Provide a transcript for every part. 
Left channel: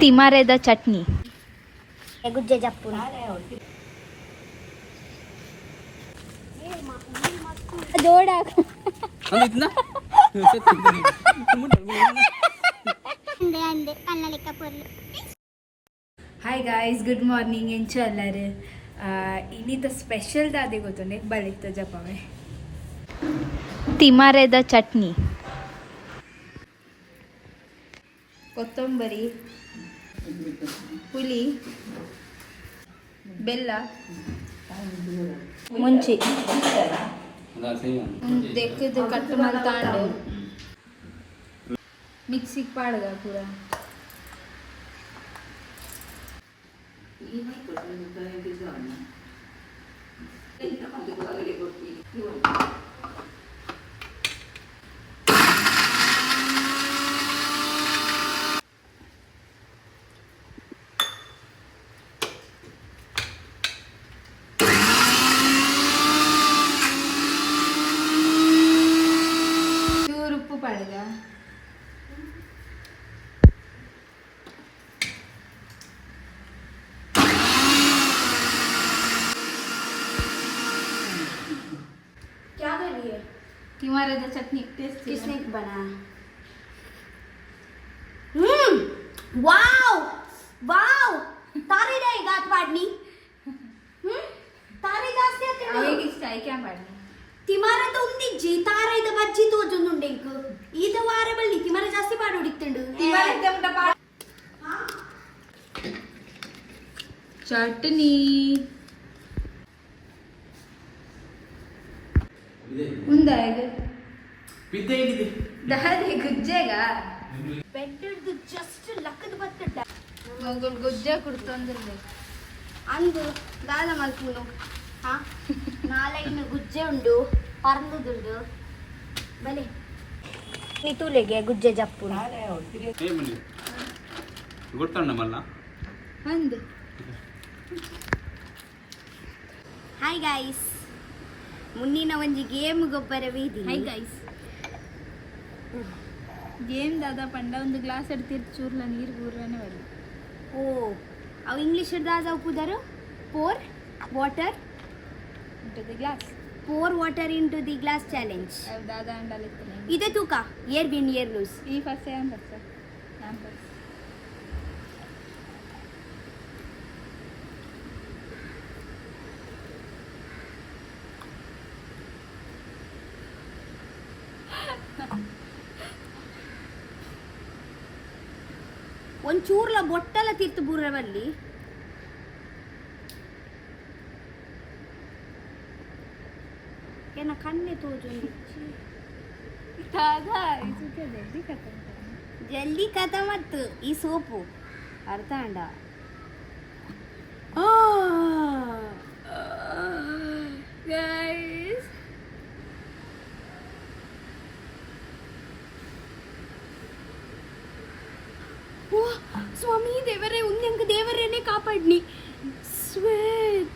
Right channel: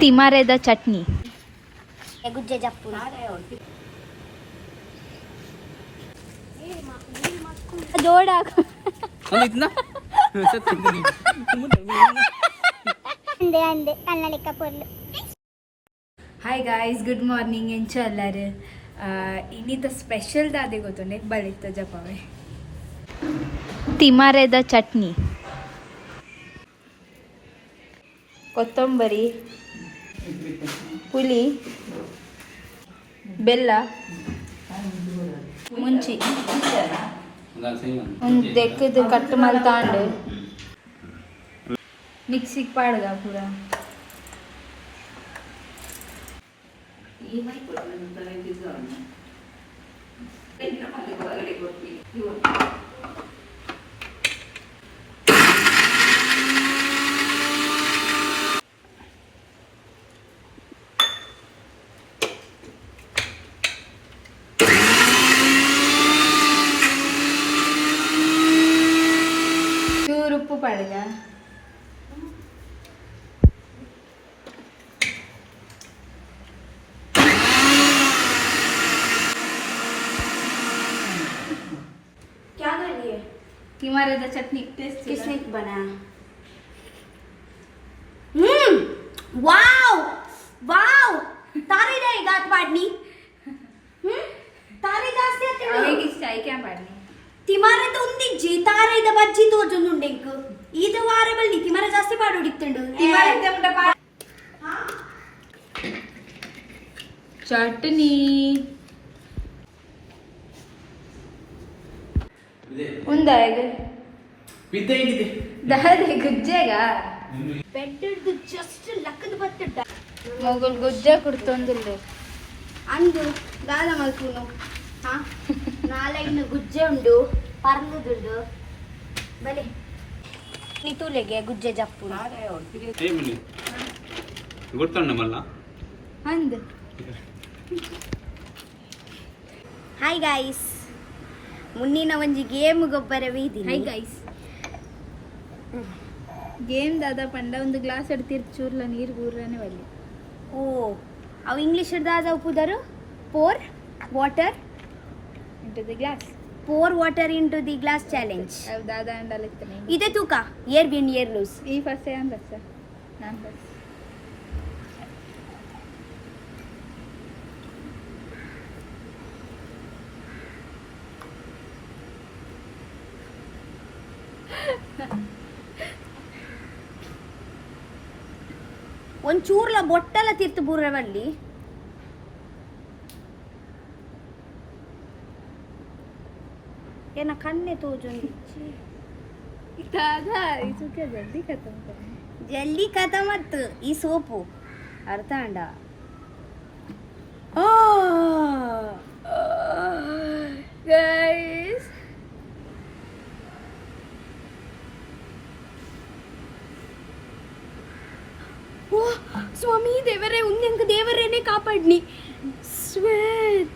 ತಿಮಾರೆದ ಚಟ್ನಿ ಗುಜ್ಜೆ ಜಪ್ಪು ಜೋಡಾಕು ಅಂದೆ ಕನ್ನಡಕ ಪೊರ್ಲು. Hi guys, good morning. ಎಂಚು ಎಲ್ಲರು ಇನ್ನಿತ ಸ್ಪೆಷಲ್ ದಾದೆ ಗೊತ್ತುಂಡೆ ಬಳಿತ ಜಪವೆ ತಿಮಾರೆದ ಚಟ್ನಿ, ಕೊತ್ತಂಬರಿ, ಪುಳಿ, ಬೆಲ್ಲ, ಮುಂಚಿ ಒಂದು ದೆಕ್ಕದು ಕಟ್ ಮಲ್ ತಾಂಡು ಮಿಕ್ಸಿಗೆ ಪಾಡ್ಗ ಪೂರ ಉಪ್ಪು ಪಾಡ್ಗ तिमारेद चटनी किसने बना? वाव वाव तारे नहीं गात पाडनी. तारे जास्ती आते ಹೇಗೆ ಇಷ್ಟ ಐಕೆ ಪಾಡ್ನಿ ತಿಮಾರೆ ಉಂದಿ ಜಿ ತಾರೆ ಇದ ಬಜ್ಜಿ ತೋಜೊಂದುಂಡೆ ಇಂಕು ಇದು ವಾರ ಬಲ್ಲಿ ತಿಮಾರೆ ಜಾಸ್ತಿ ಪಾಡು ಹೊಡಿತ್ತಂಡು ತಿಮಾರೆ ತೆಂಡ ಪಾ ಚಟ್ನಿ ಉಂದಾ ಈಗ ಬಿದ್ದೈಗಿದೆ ದಾದೆ ಗುಜ್ಜೆಗ ಬೆಟ್ಟದ್ದು ಜಸ್ಟ್ ಲಕ್ಕದ ಬತ್ತಡ್ಡ ಮೊಗಲ್ ಗುಜ್ಜೆ ಕುಡ್ತೊಂದಿಲ್ಲ ಅಂದು ದಾದ ಮಲ್ಪುನು ಹಾ ನಾಳೆಗಿನ ಗುಜ್ಜೆ ಉಂಡು ಪರ್ಲುದುಂಡು ಬಲೆ ನಿತೂಲೆಗೆ ಗುಜ್ಜೆ ಜಪ್ಪು ಗೊತ್ತಣ್ಣ ಮಲ್ಲ ಅಂದು ಹಾಯ್ ಗೈಸ್, ಮುನ್ನಿನ ಒಂಜಿ ಗೇಮ್ ಗೊಬ್ಬರವಿದ್ದೀನಿ. ಹಾಯ್ ಗೈಸ್, ಗೇಮ್ ದಾದ ಪಂಡ ಒಂದು ಗ್ಲಾಸ್ ಎಡ್ತಿರ್ ಚೂರ್ಲ ನೀರು ಬೂರನ ಬರಲಿ. ಓ ಅವು ಇಂಗ್ಲಿಷ್ ದಾದ ಉಪ್ಪುದರು pour water into the glass, pour water into the glass challenge. ದಾದ ಅಂಡಲಿರ್ತಾನೆ ಇದೆ ತೂಕ ಏರ್ ವಿನ್ ಏರ್ ಲೂಸ್. ಈ ಫಸ್ಟ್ ಅಂದ ಸರ್ ನಾನು ಫಸ್ಟ್ ಒಂಚೂರ್ಲ ಬೊಟ್ಟಲ ತಿರ್ತು ಬೂರವಲ್ಲಿ ಏನ ಕಣ್ಣೆ ತೋಜೊಂದಿಚ್ಚಿ ದಾದ ಇಸುಕೆ ಜಲ್ದಿ ಖತಮ್ ಕರ ಜಲ್ದಿ ಕಥಮತ್ತು ಈ ಸೋಪು ಅರ್ಥ ಅಂಡ. ಗೈಸ್ ಓ ಸ್ವಾಮಿ ದೇವರೇ ಉಂದೆಂಗ ದೇವರೇನೆ ಕಾಪಾಡ್ನಿ ಸ್ವೇಟ್.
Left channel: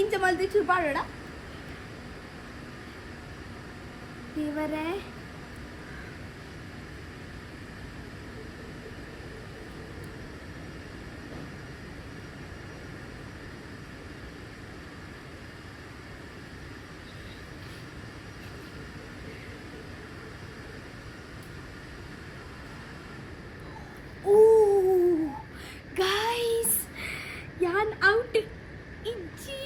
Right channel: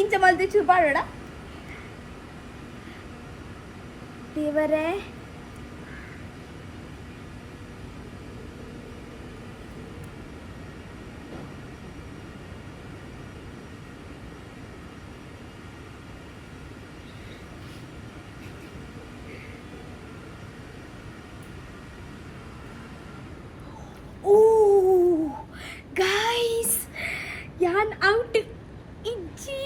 ಇಂಚ ಮಲ್ತೆ ಚೂಪಾಡೋಡ ದೇವರೇ. ಗೈಸ್ ಯಾನ್ ಔಟ್ ಇಜ್ಜಿ.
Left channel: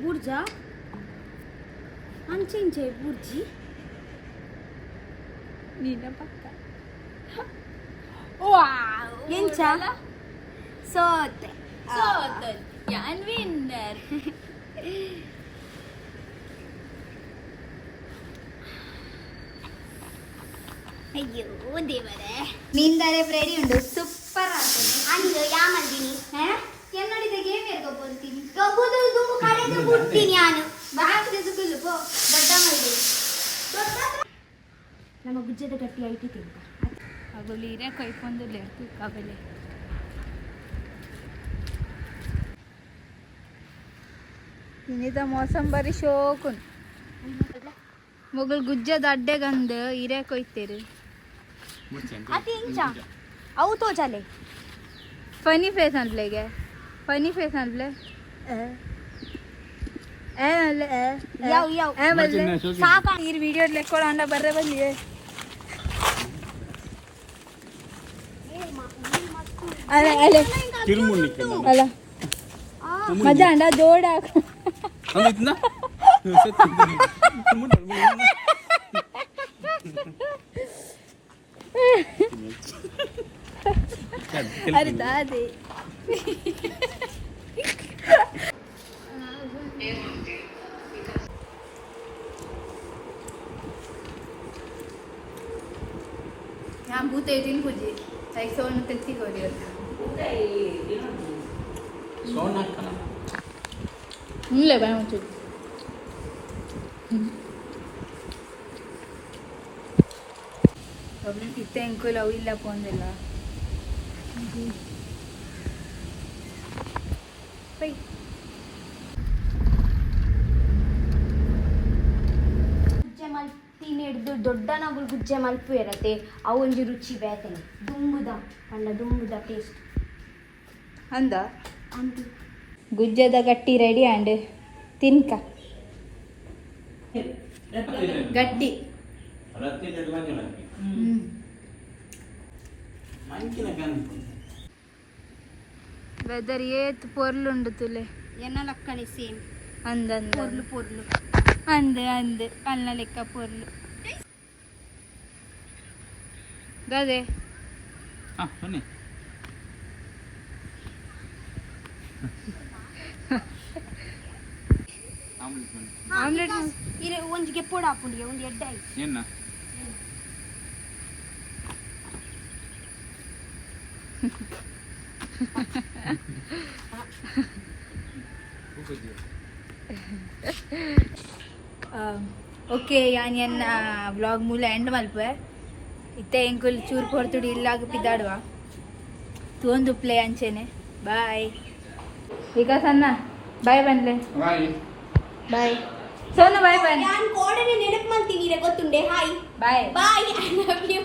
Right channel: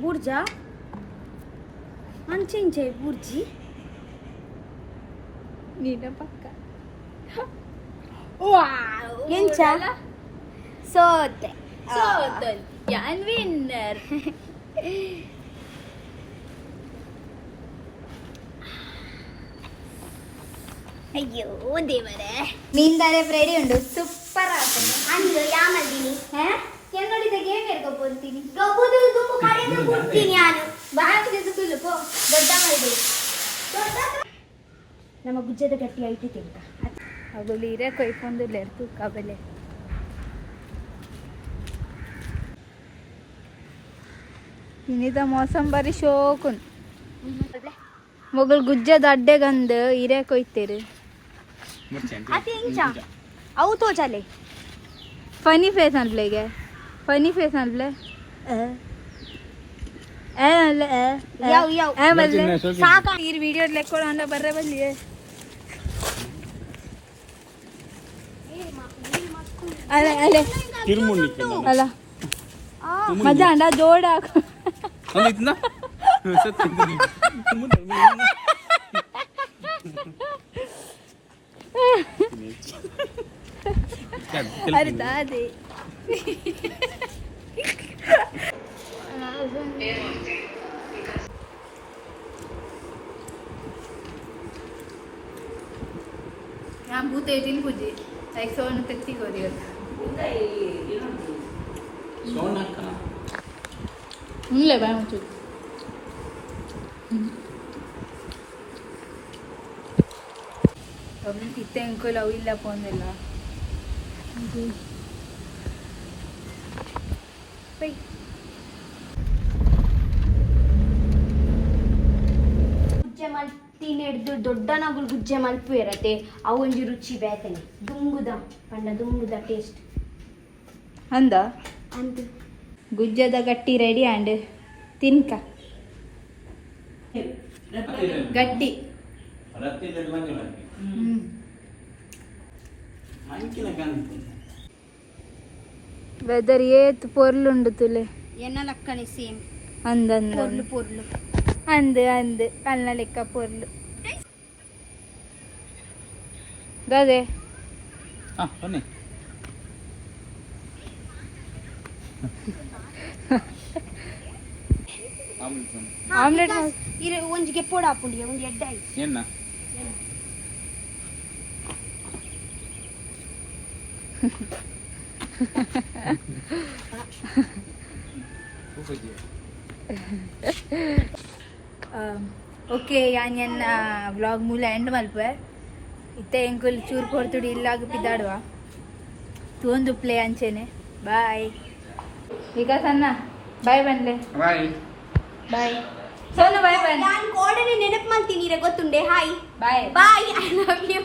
ಬುರ್ಜಾ ಅಂಚೆಂಚೆ ಬುರ್ಜಿ ನೀನ ಪಕ್ಕ ಎಂಚ ಸೋತೆ ಸೋತಲ್ ಯಾನ್ ವಿನ್ನರ್. ಅಯ್ಯೋ ದೇವರೇ, ನಿಂದರೆ ರೆಡಿ ಉಂಡು ಸೂಪರ್ ಆಗ್ತದೆ. ಅಂದು ಯಾಮಲ್ದಿನಿ ಕೆನ್ನಡಿದ ಗೇಮ್ ಇರ್ಕೊಬೋತೀನಿ ಕಬುದು ದುಮ್ಮು ಕಳೆದು ಬಿಡ್ತೀನಿ ನಾನು. ಬಾಕಿದ ಸುಕ್ಕಲು ಪೋ ದೊಡ್ಡ ಮಾಡಿದೆ ನಮ್ಮ ಗುಜ್ಜದ ಗಟ್ಟಿ ಐಟಿ ತಿಂತ ಅಗಲು ಇರೇ ಕೊಯ್ಕೊಂದಿಲ್ಲ ಇರ್ತು ಕಬಲೆ ಇನ್ನಿದ ಮೋಸಂ ಬಾರಿ ಶೋಕುನ್ ಮೊಗಲ್ ಗುಜ್ಜದ ಅಡ್ಡೆಗಂದು ಇರೇ ಕೊಯ್ತೇರು ಅತಿ ಇಂಚ ಅವು ತೋಜಾಲೆ ಫನಿ ಫೇಸ್ ಅಂತಲೆಗೆ ಫನಿ ಫೇಸ್ ಅಂತಲೆ ಯಾವ ಯಾವ ಸಾಕ ಈ ವಿಡಿಯೋ ಲೆಕ್ಕೊಳ ಅಂಡ ಬರ್ರೆ ಬಲ್ಲಿ ಅಲ್ಲ ಅಲ್ಲ ಅಲ್ಲ ಮಜಾ ಅಂಡ ಜೋಡ अरे दादी यहाँ भूत है तीन पूजी एक सौ तक हो रही होता ले भाई मुझे ಒಬ್ಬನೇ ಪಿತ್ತೆ ಅಂಕಲ್ ಅವು ಇಲ್ಲ ಪೋಂದಿಲ್ಲ ಪೈ ಗುಜ್ಜೆ ಮಲ್ತಿ ಹಿಡ್ದು ದೊಡ್ಡ ನಗುಲು ಗುಜ್ಜೆ ಮಲ್ಪು ಇರತ್ತೆ ಅವು ಒಂಜಿ ರುಚಿ ಬೇಕನೆ ದುಂಬುದ ಕಂಡ ದುಂಬುದ ಟೇಸ್ಟ್ ಅಂದ ಅಂತ ಗುಜ್ಜದ ಗಟ್ಟಿ ರೆಡಿ ಆ್ಯಂಡ್ ತಿನ್ಕ ಗಟ್ಟಿ వెదర్ ఏత్ పొర్లు ఉండుతులే ఎన్న లక్కనే సేమ్ అందంద పొర్లు పొర్లు అందు అందు అన్న లెక్క పొర్లు గదే ಬನ್ನಿ ಆಮ್ಲೆಟ್ ಇರೆ ಒಂಜಿಗೆ ಪೋಡ ಹಾಪುಂಡಿ ಒಂದು ಎಡ್ಡಾಯಿ ಏನ ಓಕೆ ಯಾನ್ ಎನ್ನ ವ್ಲಾಗ್ ಮೂಲ ಎಂಡ್ ಮಲ್ಪೆ ಇತ್ತೆ ಎಂಕುಲ್ ಚೂರು ಕೊಡ್ತುಡಿ ಇಲ್ಲಾಗ ಪಿದಾಡುವ ತೋಂದು ಪ್ಲೇ ಅಂಚೆನೆ ಬಾಯ್ ಈಗ ಸಣ್ಣ ಬಾಯ್ ಬನ್ನಿ ಬಾಯ್ ಬಾಯ್ ಸೋನು ಬಾಯ್ ಬನ್ನಿ ನಾನು ಕೋಡನೆ ನೆನಪು ಮಾಡ್ತೀನಿ ಗೊತ್ತುಂಡೆ hi bye bye I love you